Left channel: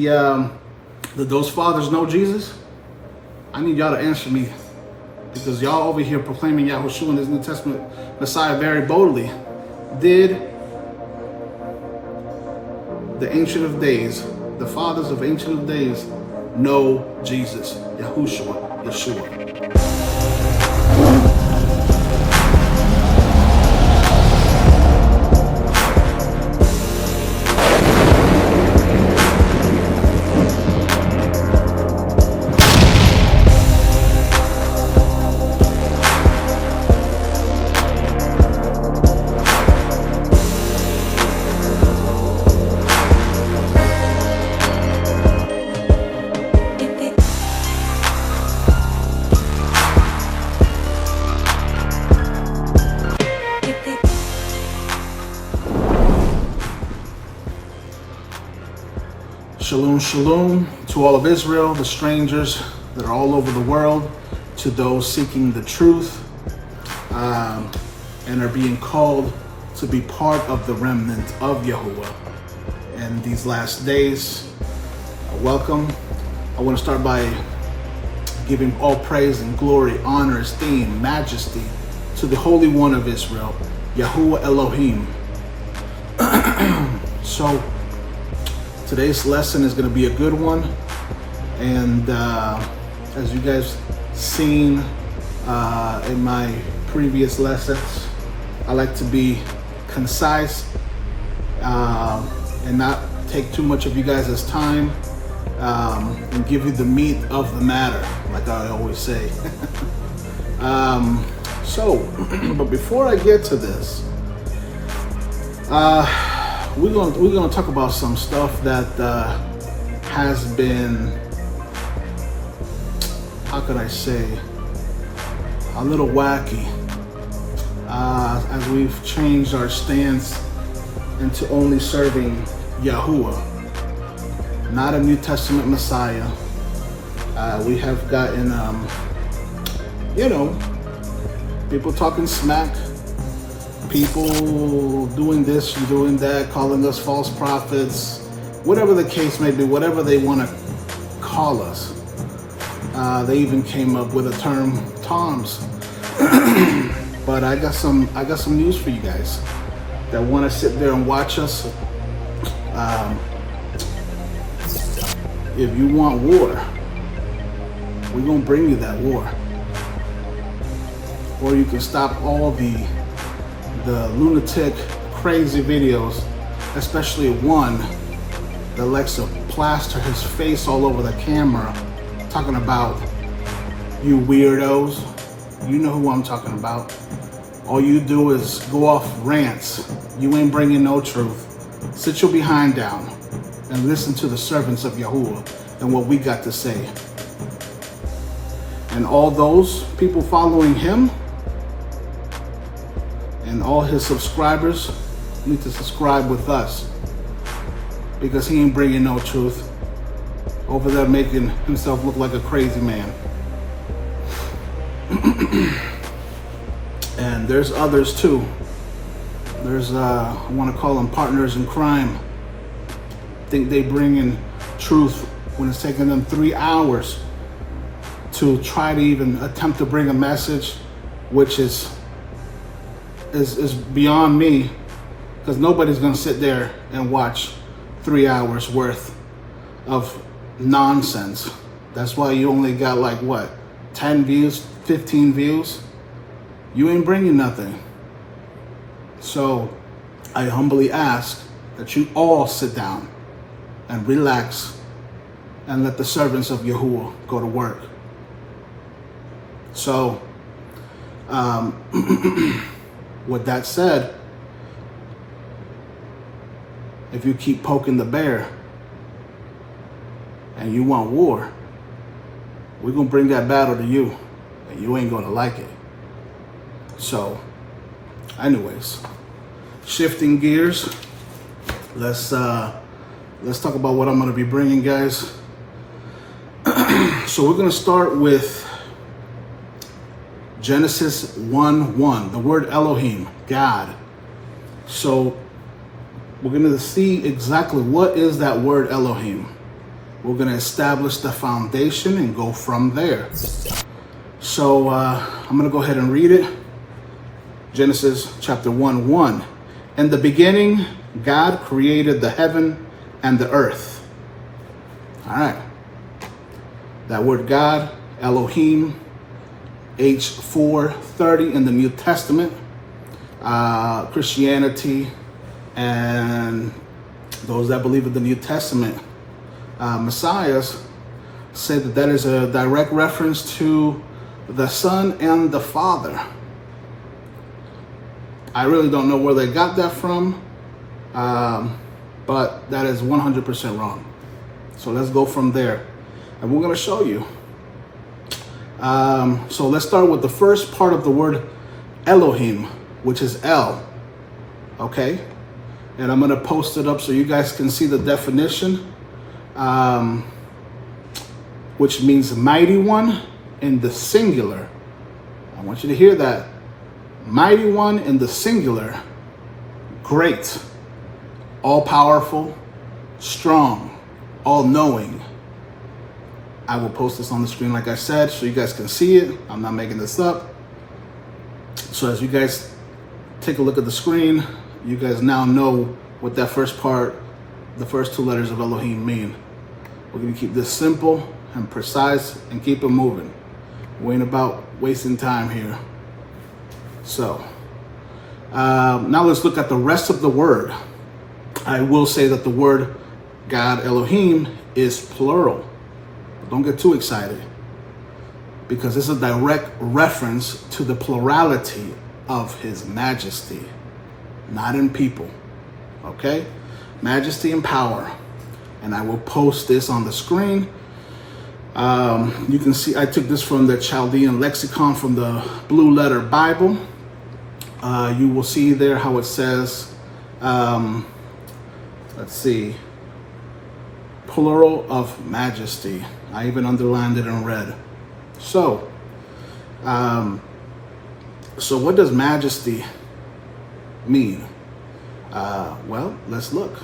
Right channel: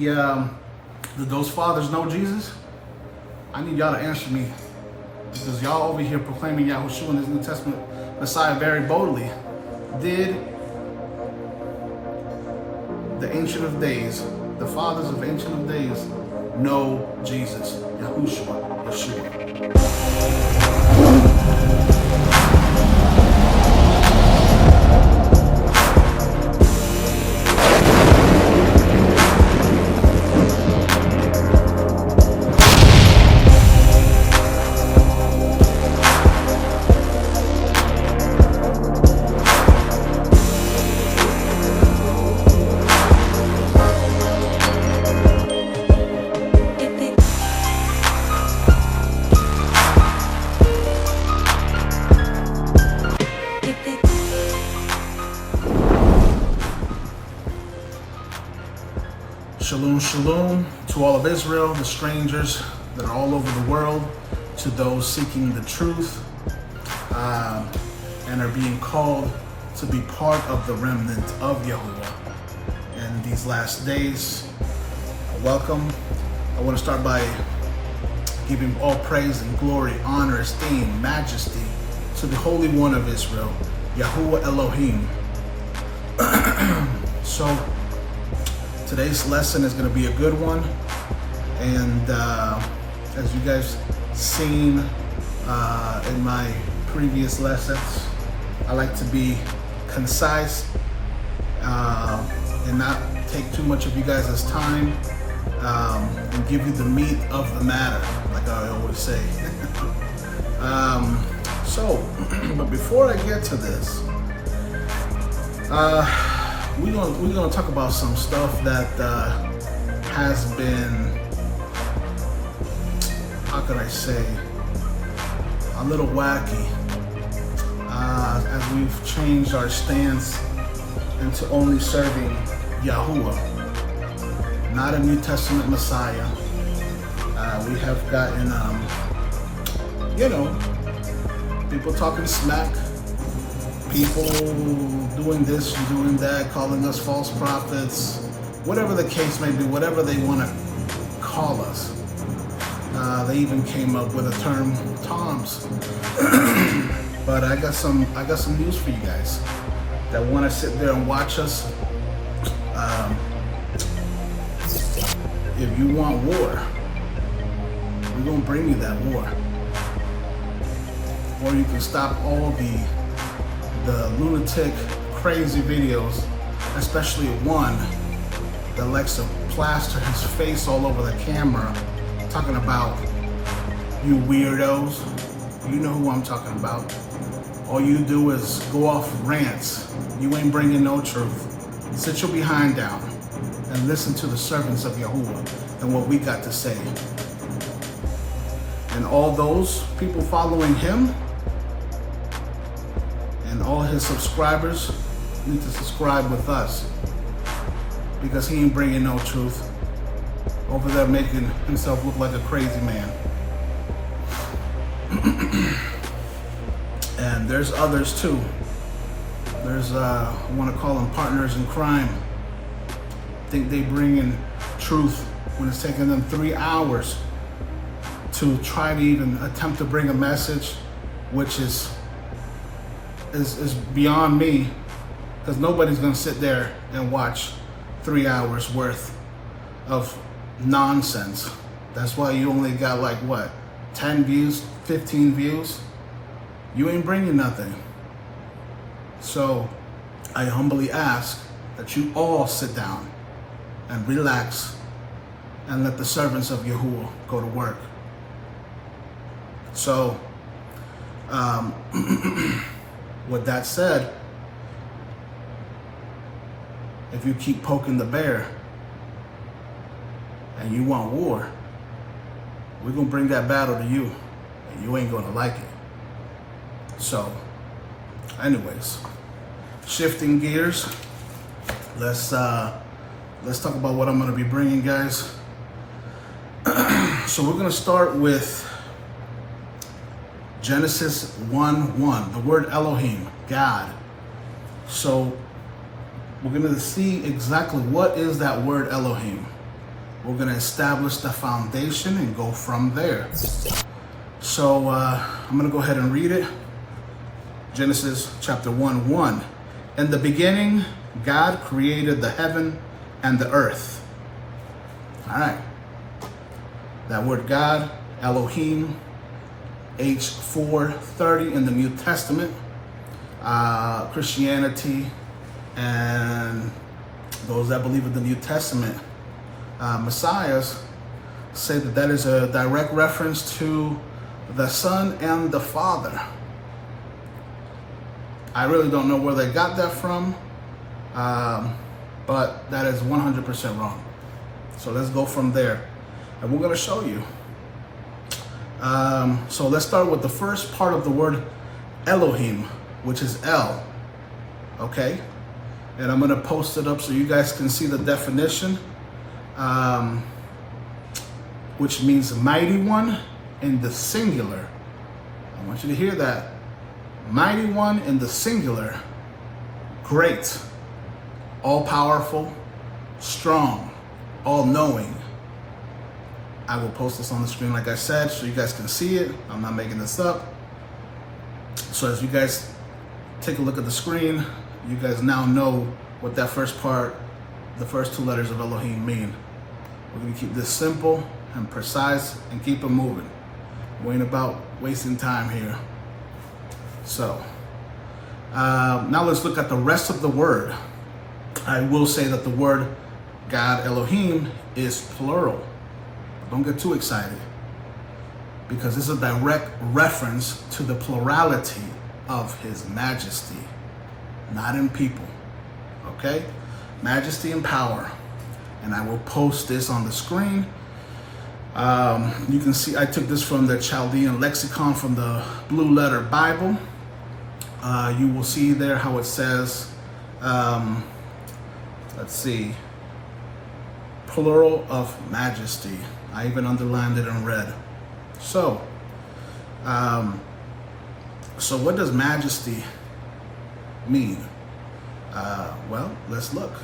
Did those fathers know Jesus? I need y'all to answer me, because y'all over here proclaiming Yahushua in this New Testament Messiah very boldly. Did the Ancient of Days, the fathers of Ancient of Days, know Jesus, Yahushua, Yeshua? Shalom, shalom to all of Israel, the strangers that are all over the world, to those seeking the truth and are being called to be part of the remnant of YaHuWaH in these last days. Welcome. I want to start by giving all praise and glory, honor, esteem, majesty to the Holy One of Israel, YaHuWaH ALuWHiYM. So, today's lesson is going to be a good one, and as you guys seen in my previous lessons, I like to be concise and not take too much of you guys' time and give you the meat of the matter, like I always say. But before I get to this, we're gonna talk about some stuff that has been, how can I say, a little wacky as we've changed our stance into only serving YaHuWaH, not a New Testament Messiah. We have gotten, people talking smack, people doing this and doing that, calling us false prophets, whatever the case may be, whatever they want to call us. They even came up with a term, Toms. But I got some news for you guys that want to sit there and watch us. If you want war, we're gonna bring you that war. Or you can stop all the lunatic, crazy videos, especially one that likes to plaster his face all over the camera, talking about you weirdos. You know who I'm talking about. All you do is go off rants. You ain't bringing no truth. Sit your behind down and listen to the servants of YaHuWaH and what we got to say. And all those people following him, and all his subscribers need to subscribe with us, because he ain't bringing no truth. Over there making himself look like a crazy man. And there's others too. There's, I want to call them partners in crime. Think they bring in truth when it's taking them 3 hours to try to even attempt to bring a message, which is beyond me, because nobody's gonna sit there and watch 3 hours worth of nonsense. That's why you only got like what, 10 views, 15 views? You ain't bringing nothing. So I humbly ask that you all sit down and relax and let the servants of YaHuWaH go to work. So with that said, if you keep poking the bear and you want war, we're gonna bring that battle to you, and you ain't gonna like it. So, anyways, shifting gears, let's talk about what I'm gonna be bringing, guys. So we're gonna start with Genesis 1:1, the word Elohim, God. So we're going to see exactly what is that word Elohim. We're going to establish the foundation and go from there. So I'm going to go ahead and read it. Genesis chapter 1:1. In the beginning, God created the heaven and the earth. All right. That word God, Elohim, H430 in the New Testament. Christianity and those that believe in the New Testament messiahs say that that is a direct reference to the Son and the Father. I really don't know where they got that from, but that is 100% wrong. So let's go from there, and we're going to show you. So let's start with the first part of the word Elohim, which is El. Okay, and I'm going to post it up so you guys can see the definition, which means mighty one in the singular. I want you to hear that. Mighty one in the singular, great, all-powerful, strong, all-knowing. I will post this on the screen, like I said, so you guys can see it. I'm not making this up. So as you guys take a look at the screen, you guys now know what that first part, the first two letters of Elohim mean. We're going to keep this simple and precise and keep it moving. We ain't about wasting time here. So now let's look at the rest of the word. I will say that the word God, Elohim, is plural. Don't get too excited, because this is a direct reference to the plurality of his majesty, not in people. Okay? Majesty and power. And I will post this on the screen. You can see I took this from the Chaldean lexicon from the Blue Letter Bible. You will see there how it says, let's see, plural of majesty. I even underlined it in red. So what does majesty mean? Well, let's look.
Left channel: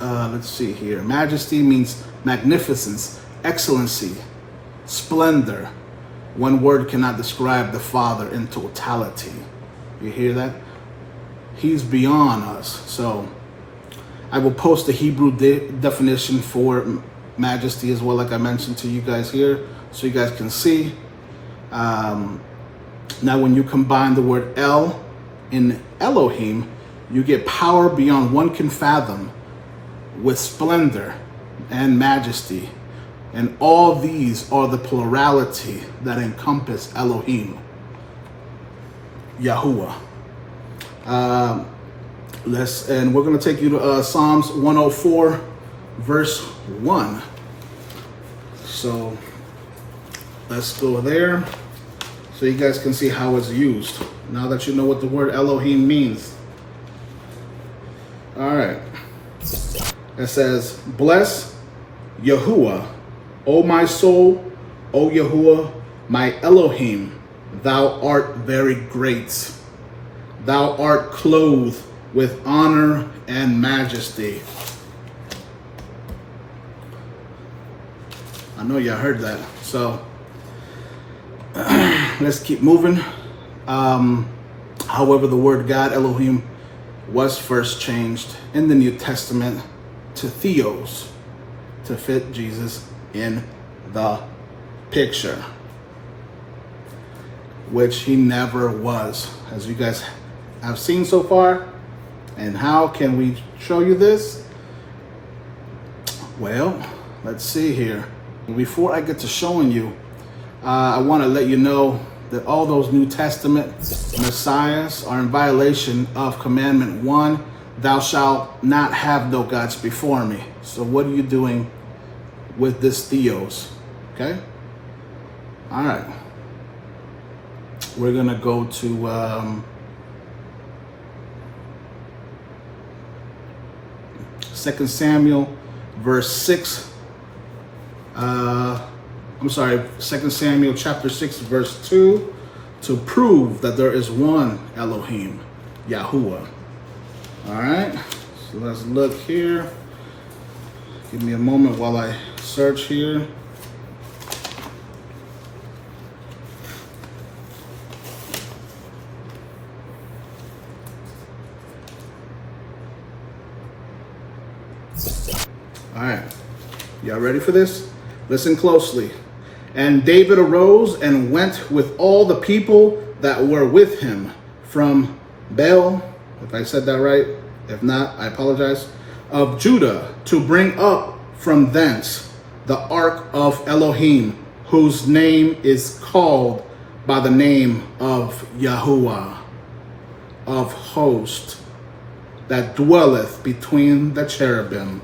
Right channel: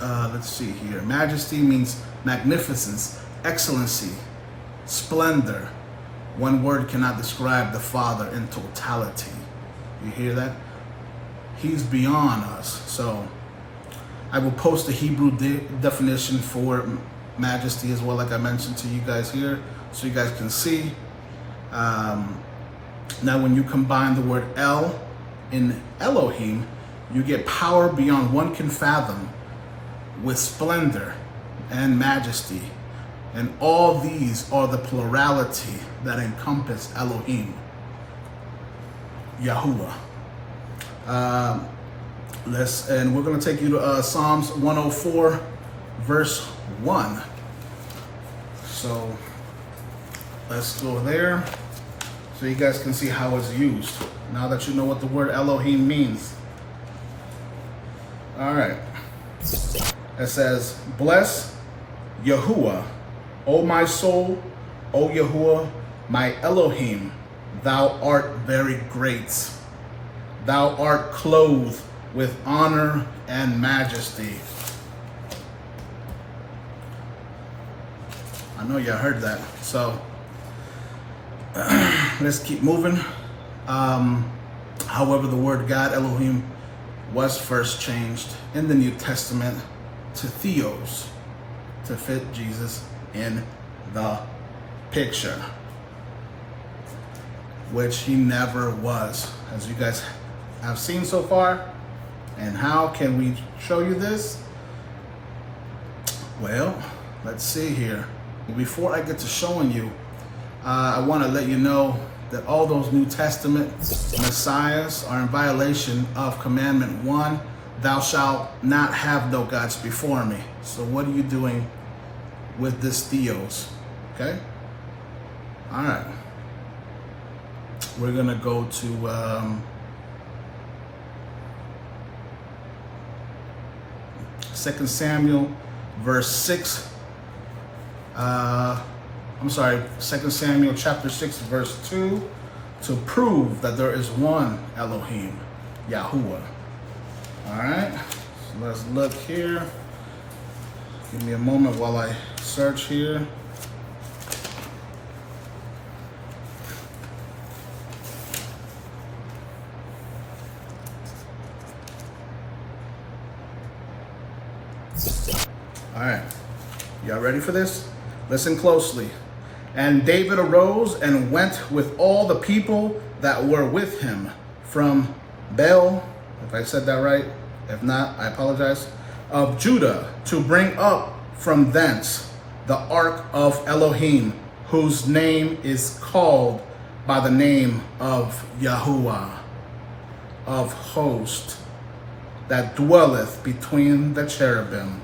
Let's see here. Majesty means magnificence, excellency, splendor. One word cannot describe the Father in totality. You hear that? He's beyond us. So I will post the Hebrew definition for majesty as well, like I mentioned to you guys here, so you guys can see. Now when you combine the word El in Elohim, you get power beyond one can fathom, with splendor and majesty. And all these are the plurality that encompass Elohim, YaHuWaH. And we're going to take you to Psalms 104, verse 1. So let's go there so you guys can see how it's used, now that you know what the word Elohim means. All right. It says, bless YaHuWaH, O my soul, O YaHuWaH, my Elohim, thou art very great. Thou art clothed with honor and majesty. I know y'all heard that. So let's keep moving. However, the word God, Elohim, was first changed in the New Testament to theos, to fit Jesus in the picture, which he never was, as you guys have seen so far. And how can we show you this? Well, let's see here. Before I get to showing you, I want to let you know that all those New Testament messiahs are in violation of commandment 1, thou shalt not have no gods before me. So what are you doing with this theos? Okay? All right. We're going to go to 2 Samuel verse 6. 2 Samuel chapter 6 verse 2, to prove that there is one Elohim, YaHuWaH. All right, so let's look here. Give me a moment while I search here. All right, y'all ready for this? Listen closely. And David arose and went with all the people that were with him from Baal, if I said that right, if not, I apologize, of Judah, to bring up from thence the ark of Elohim, whose name is called by the name of YaHuWaH of hosts, that dwelleth between the cherubim.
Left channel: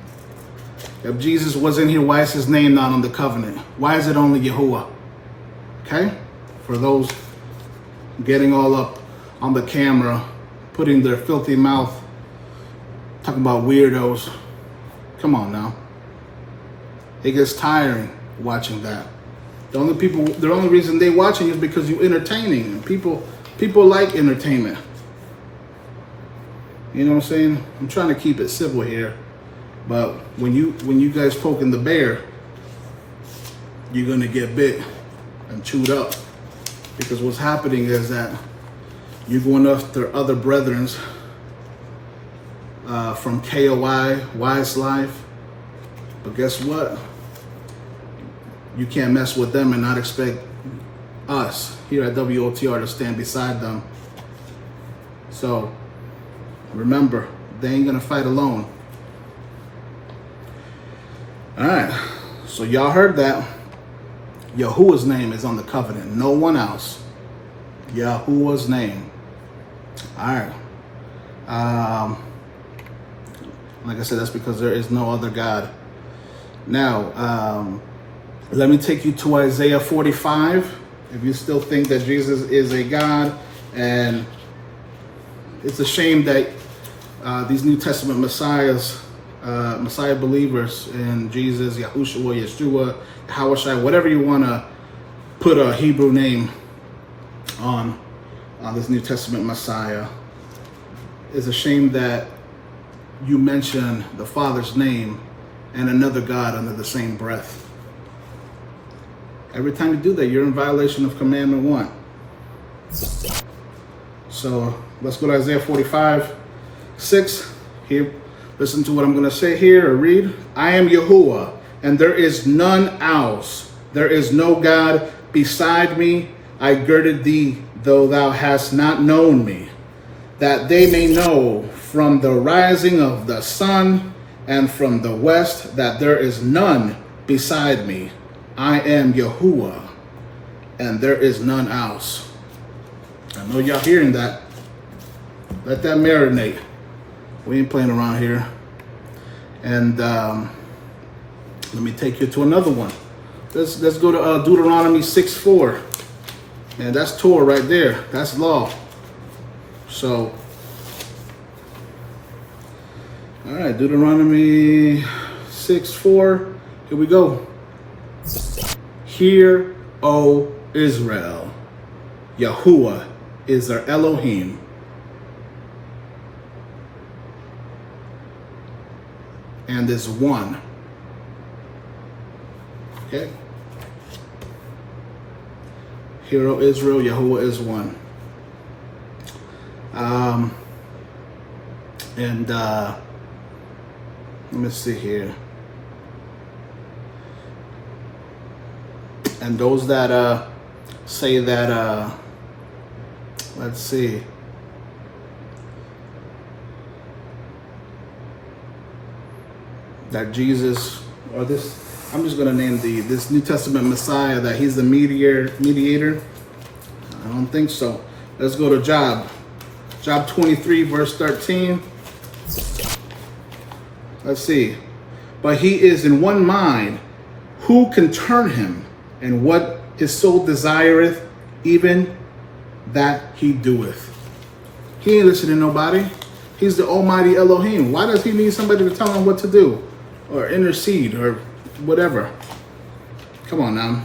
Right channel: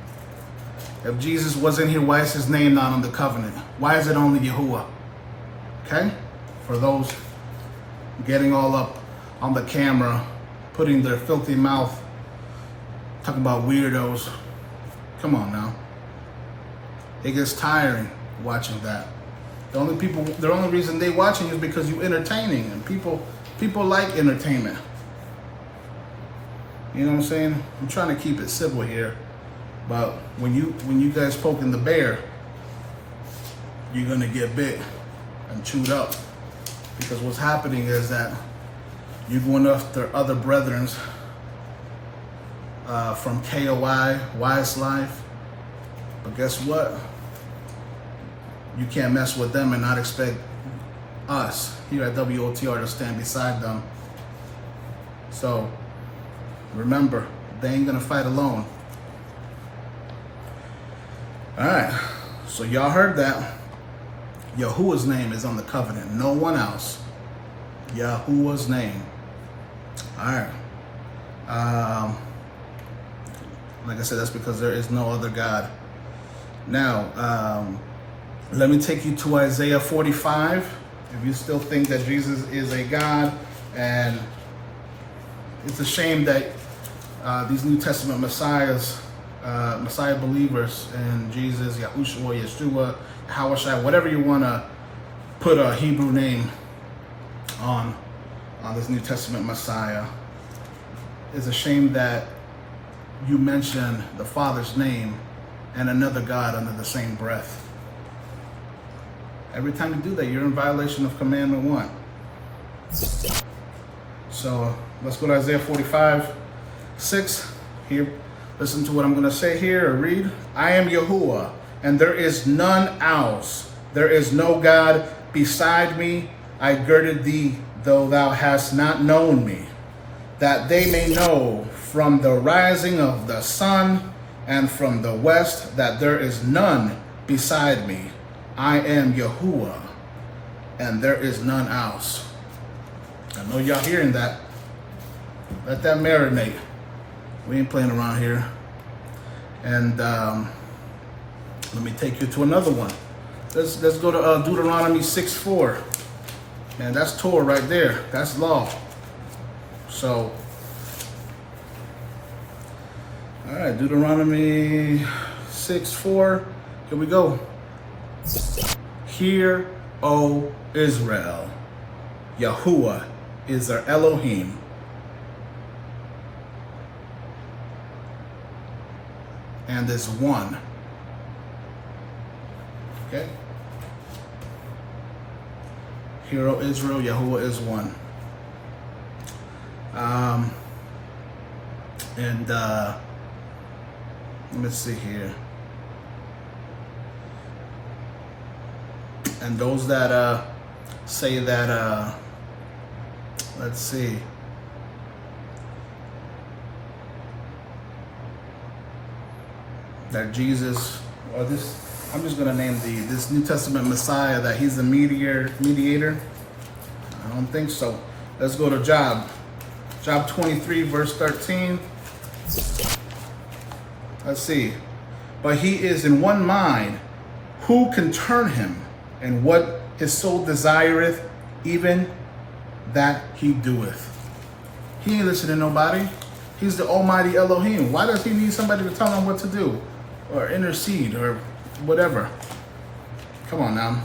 If Jesus wasn't here, why is his name not on the covenant? Why is it only YaHuWaH? Okay? For those getting all up on the camera, putting their filthy mouth, talking about weirdos. Come on now. It gets tiring watching that. The only reason they watching is because you're entertaining, and people like entertainment. You know what I'm saying? I'm trying to keep it civil here. But when you guys poking the bear, you're gonna get bit and chewed up, because what's happening is that you're going after other brethrens from KOI, Wise Life, but guess what? You can't mess with them and not expect us here at WOTR to stand beside them. So remember, they ain't gonna fight alone. All right, so y'all heard that. YaHuWah's name is on the covenant, no one else. YaHuWah's name. All right. Like I said, that's because there is no other God. Now, let me take you to Isaiah 45. If you still think that Jesus is a God, and it's a shame that these New Testament Messiah believers in Jesus, Yahushua, Yeshua, YaHuWaH, whatever you want to put a Hebrew name on this New Testament Messiah, it's a shame that you mention the Father's name and another God under the same breath. Every time you do that, you're in violation of Commandment 1. So let's go to Isaiah 45:6. Here, listen to what I'm going to say here or read. I am YaHuWaH, and there is none else. There is no God beside me. I girded thee, though thou hast not known me, that they may know from the rising of the sun and from the west that there is none beside me. I am YaHuWaH, and there is none else. I know y'all hearing that. Let that marinate. We ain't playing around here. And let me take you to another one. Let's go to Deuteronomy 6:4. And that's Torah right there. That's law. So, all right, Deuteronomy 6:4. Here we go. Hear, O Israel, YaHuWaH is our Elohim. And is one. Okay? Hear, O Israel, YaHuWaH is one. Let me see here. And those that say that, let's see. That Jesus, or this, I'm just gonna name this New Testament Messiah, that he's the mediator. I don't think so. Let's go to Job 23, verse 13. Let's see. But he is in one mind. Who can turn him? And what his soul desireth, even that he doeth. He ain't listening to nobody. He's the Almighty Elohim. Why does he need somebody to tell him what to do, or intercede, or whatever? Come on now.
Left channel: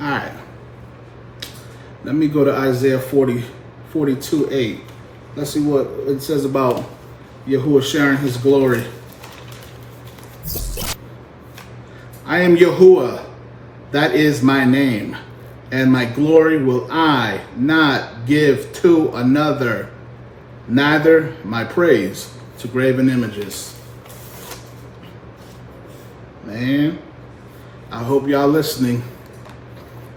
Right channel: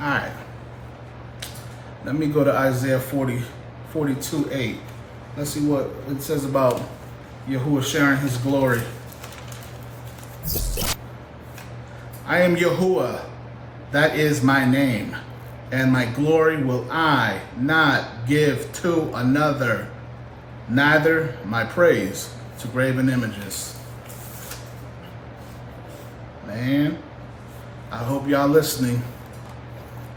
All right. Let me go to Isaiah 42:8. Let's see what it says about YaHuWaH sharing his glory. I am YaHuWaH, that is my name, and my glory will I not give to another, neither my praise to graven images. Man, I hope y'all listening,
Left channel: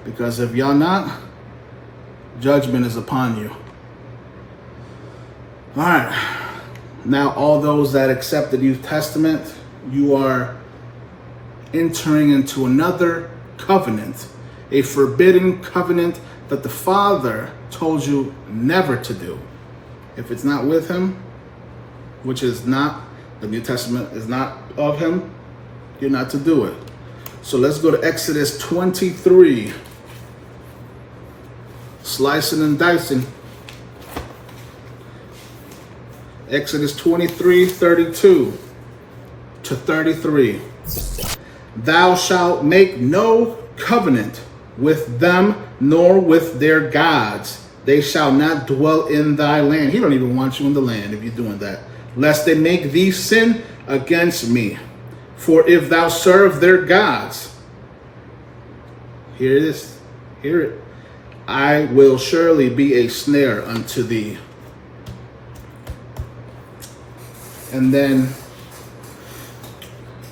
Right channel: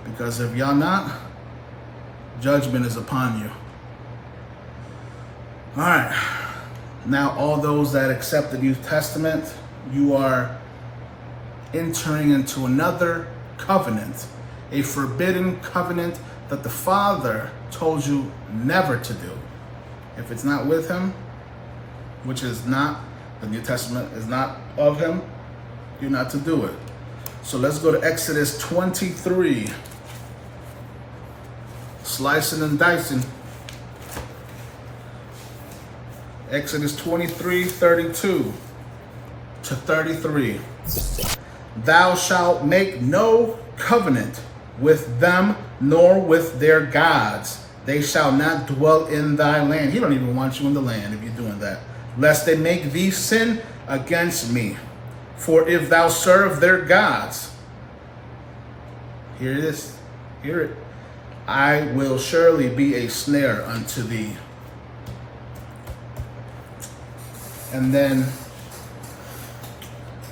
because if y'all not, judgment is upon you. All right, now all those that accept the New Testament, you are entering into another covenant, a forbidden covenant that the Father told you never to do. If it's not with him, which is not, the New Testament is not of him, you're not to do it. So let's go to Exodus 23. Slicing and dicing. Exodus 23, 32 to 33. Thou shalt make no covenant with them, nor with their gods. They shall not dwell in thy land. He don't even want you in the land if you're doing that. Lest they make thee sin against me. For if thou serve their gods, here it is, hear it, I will surely be a snare unto thee. And then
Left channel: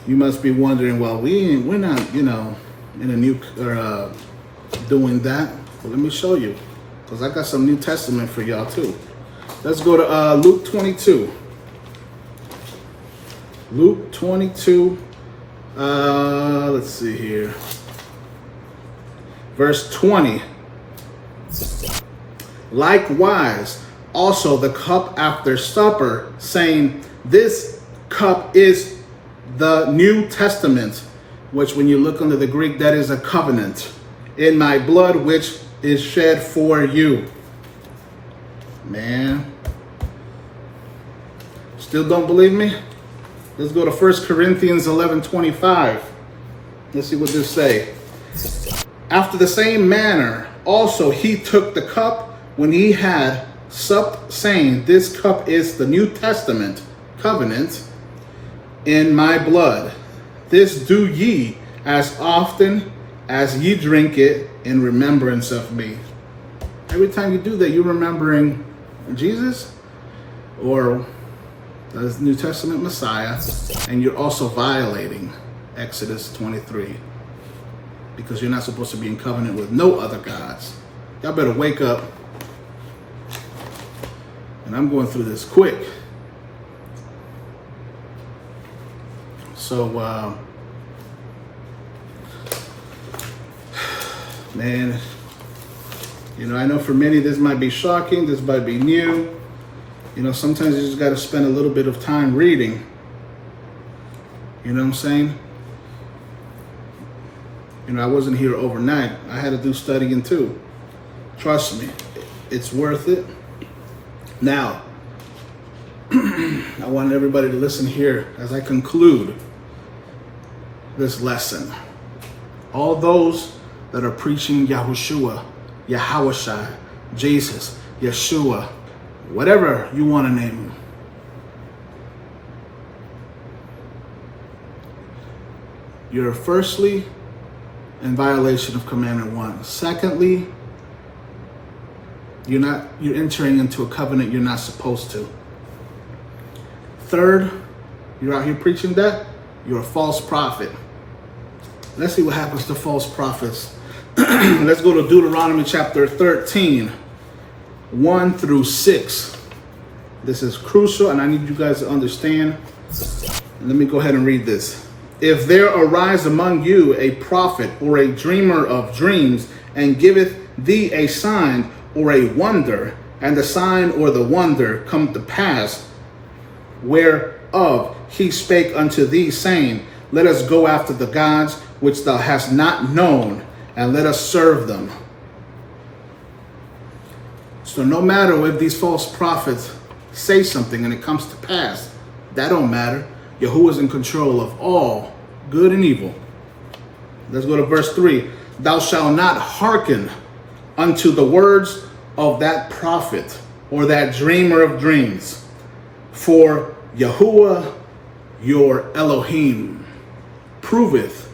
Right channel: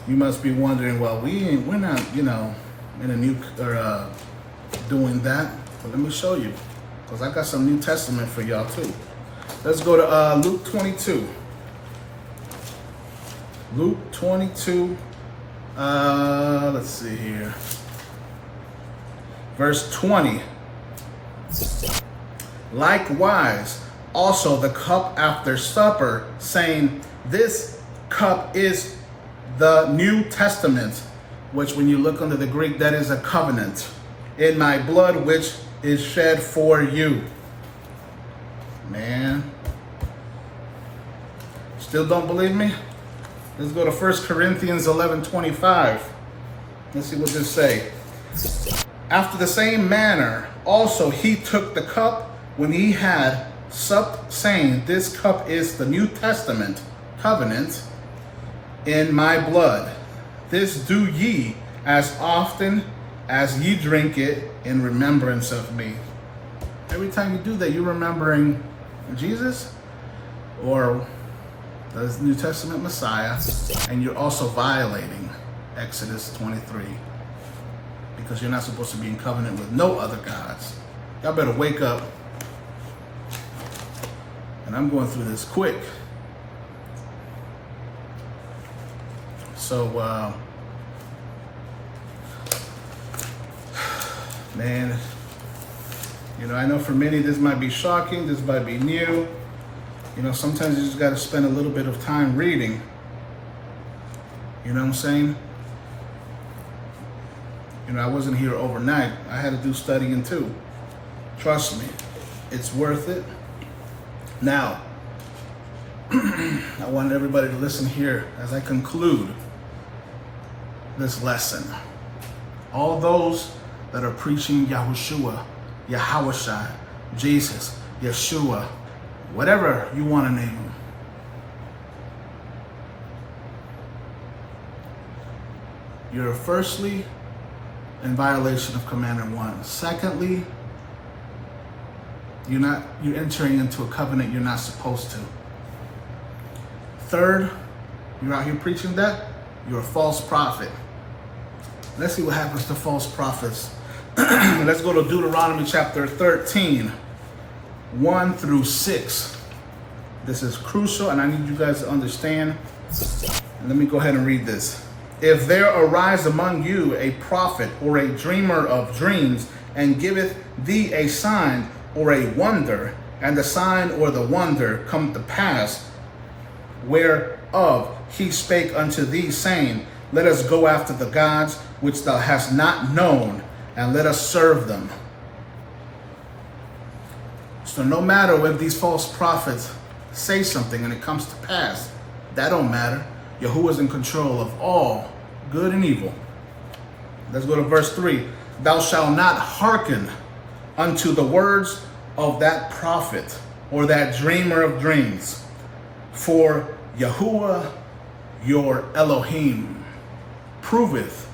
you must be wondering, well, we're not, in a new, doing that. But let me show you, because I got some New Testament for y'all too. Let's go to Luke 22. Luke 22, let's see here. Verse 20. Likewise, also the cup after supper, saying, this cup is the New Testament, which when you look under the Greek, that is a covenant, in my blood, which is shed for you. Man, still don't believe me? Let's go to 1 Corinthians 11:25. Let's see what this say. After the same manner, also he took the cup when he had supped, saying, this cup is the New Testament covenant in my blood. This do ye as often as ye drink it in remembrance of me. Every time you do that, you're remembering Jesus or the New Testament Messiah, and you're also violating Exodus 23, because you're not supposed to be in covenant with no other gods. Y'all better wake up. And I'm going through this quick. So, man, I know for many this might be shocking, this might be new. Sometimes you just got to spend a little bit of time reading. You know what I'm saying? I wasn't here overnight. I had to do studying too. Trust me, it's worth it. Now, I want everybody to listen here as I conclude this lesson. All those that are preaching Yahushua, Yahweh, Jesus, Yeshua, whatever you want to name him, you're firstly in violation of commandment 1. Secondly, you're entering into a covenant you're not supposed to. Third, you're out here preaching that, you're a false prophet. Let's see what happens to false prophets. Let's go to Deuteronomy chapter 13, 1 through 6. This is crucial, and I need you guys to understand. And let me go ahead and read this. If there arise among you a prophet or a dreamer of dreams, and giveth thee a sign or a wonder, and the sign or the wonder come to pass, whereof he spake unto thee, saying, let us go after the gods which thou hast not known, and let us serve them. So no matter if these false prophets say something and it comes to pass, that don't matter. Yahuwah is in control of all good and evil. Let's go to verse 3. Thou shalt not hearken unto the words of that prophet or that dreamer of dreams. For YaHuWaH your Elohim proveth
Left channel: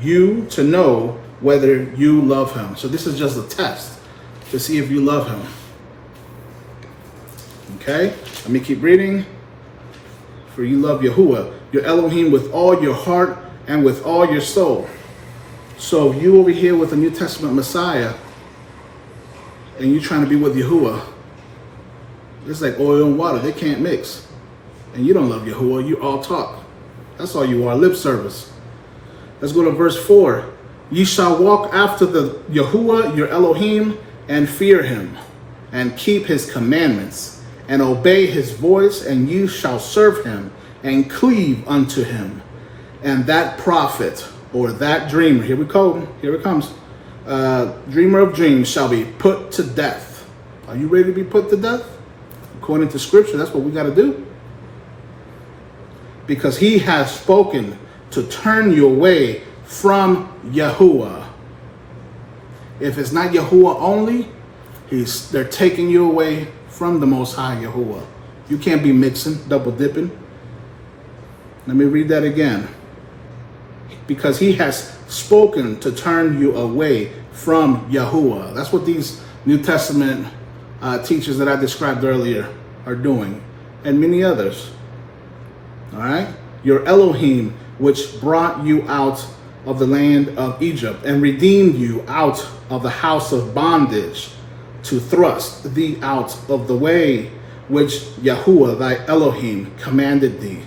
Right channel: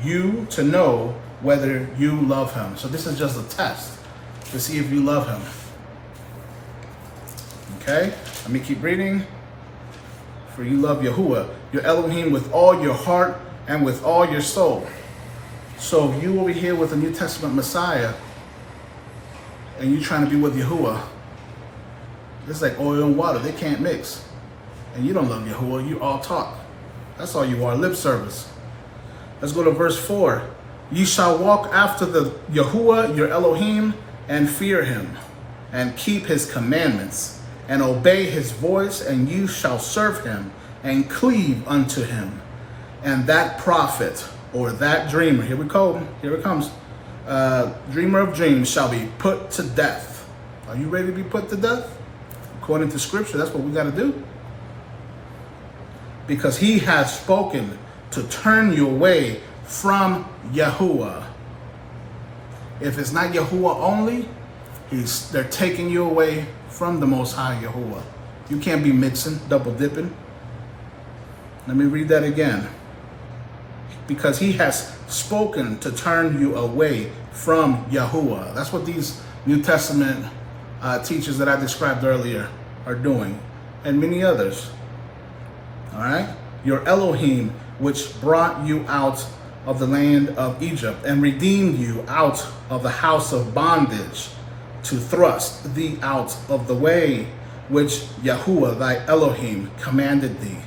you to know whether you love him. So this is just a test to see if you love him. Okay, let me keep reading. For you love YaHuWaH, your Elohim, with all your heart and with all your soul. So if you over here with a New Testament Messiah and you're trying to be with YaHuWaH, it's like oil and water. They can't mix. And you don't love YaHuWaH. You all talk. That's all you are, lip service. Let's go to verse 4. Ye shall walk after the YaHuWaH your Elohim and fear him and keep his commandments and obey his voice, and you shall serve him and cleave unto him. And that prophet or that dreamer, here we go, here it comes, dreamer of dreams shall be put to death. Are you ready to be put to death? According to scripture, that's what we got to do. Because he has spoken to turn you away from YaHuWaH. If it's not YaHuWaH only, they're taking you away from the Most High YaHuWaH. You can't be mixing, double dipping. Let me read that again. Because he has spoken to turn you away from YaHuWaH. That's what these New Testament teachers that I described earlier are doing, and many others. All right? Your Elohim, which brought you out of the land of Egypt and redeemed you out of the house of bondage, to thrust thee out of the way which YaHuWaH thy Elohim commanded thee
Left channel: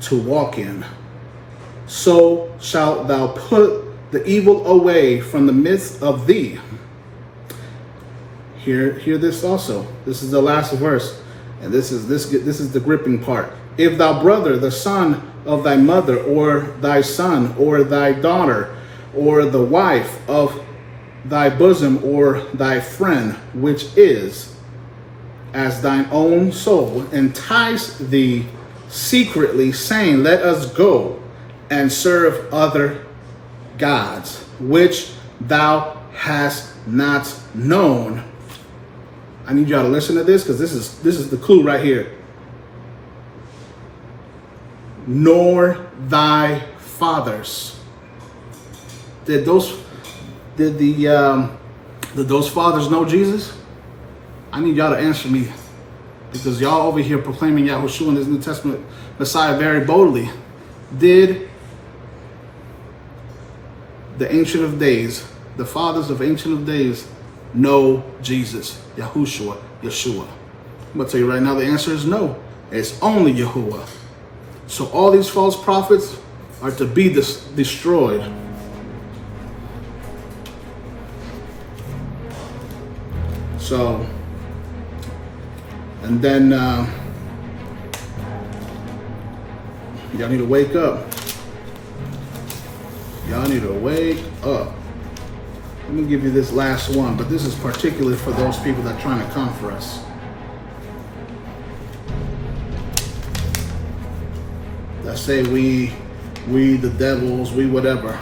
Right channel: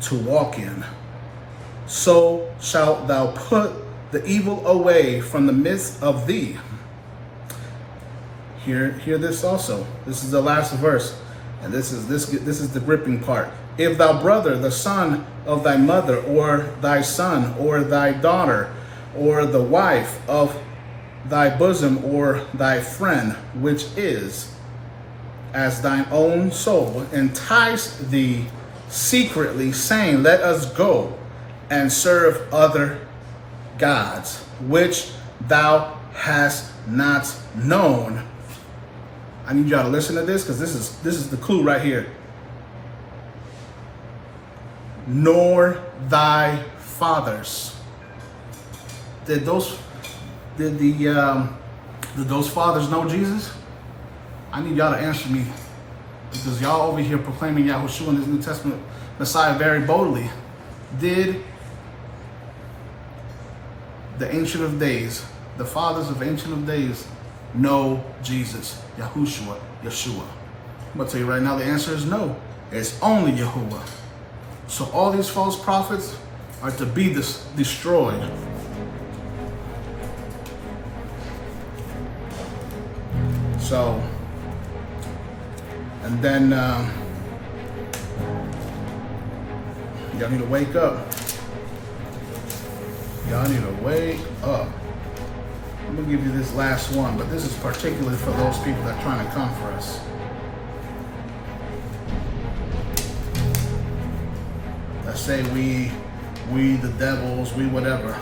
to walk in. So shalt thou put the evil away from the midst of thee. Hear this also. This is the last verse, and this is the gripping part. If thou brother, the son of thy mother, or thy son, or thy daughter, or the wife of thy bosom, or thy friend, which is as thine own soul, entice thee secretly, saying, let us go and serve other gods, which thou hast not known. I need y'all to listen to this, because this is the clue right here. Nor thy fathers. Did those fathers know Jesus? I need y'all to answer me, because y'all over here proclaiming Yahushua and his New Testament Messiah very boldly. Did the Ancient of Days, the fathers of Ancient of Days, know Jesus, Yahushua, Yeshua? I'm going to tell you right now, the answer is no. It's only YaHuWaH. So all these false prophets are to be destroyed. So, and then y'all need to wake up. Y'all need to wake up. Let me give you this last one, but this is particularly for those people that are trying to come for us. That say we the devils, we whatever.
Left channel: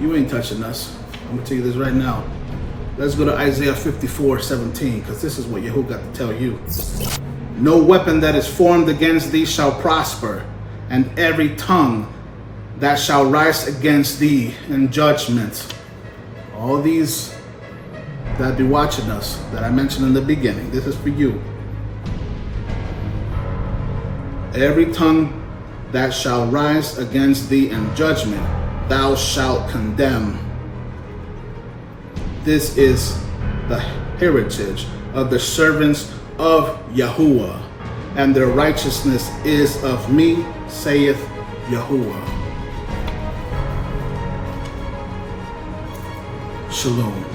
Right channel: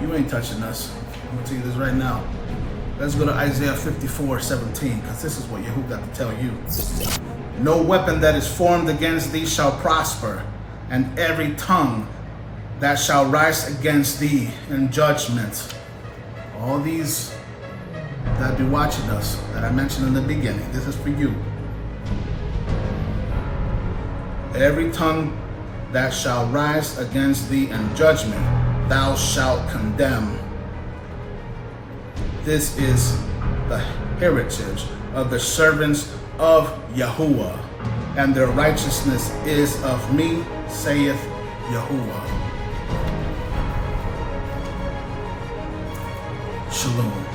You ain't touching us. I'm gonna tell you this right now. Let's go to Isaiah 54:17, because this is what YaHuWaH got to tell you. No weapon that is formed against thee shall prosper, and every tongue that shall rise against thee in judgment. All these that be watching us, that I mentioned in the beginning, this is for you. Every tongue that shall rise against thee in judgment, thou shalt condemn. This is the heritage of the servants of YaHuWaH, and their righteousness is of me, saith YaHuWaH. Shalom.